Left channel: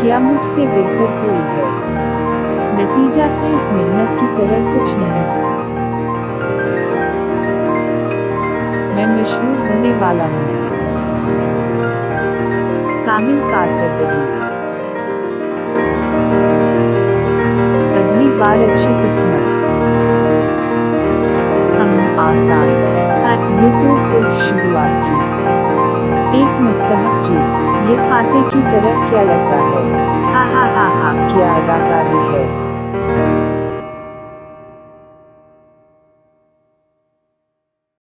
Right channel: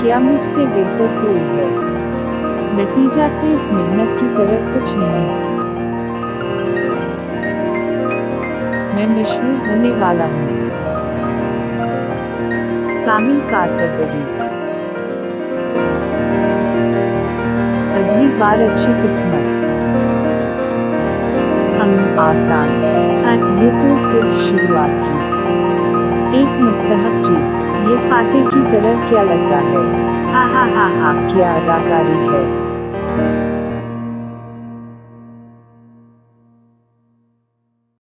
क्या मुझसे बेहतर कोई है? नतीजा फ़ेज़ मेहनत की तरह कुछ नहीं। मैं मशहूर होने वाला हूँ। कामिल कारकर्दगी। अगली बार अच्छी किस्मत। हम आसान ये तो सिर्फ़ शुरुआत थी एक मुस्तहक जीत ये फाते की तरह क्या लगता है? हा हा हा हा, क्या अदाकारी है?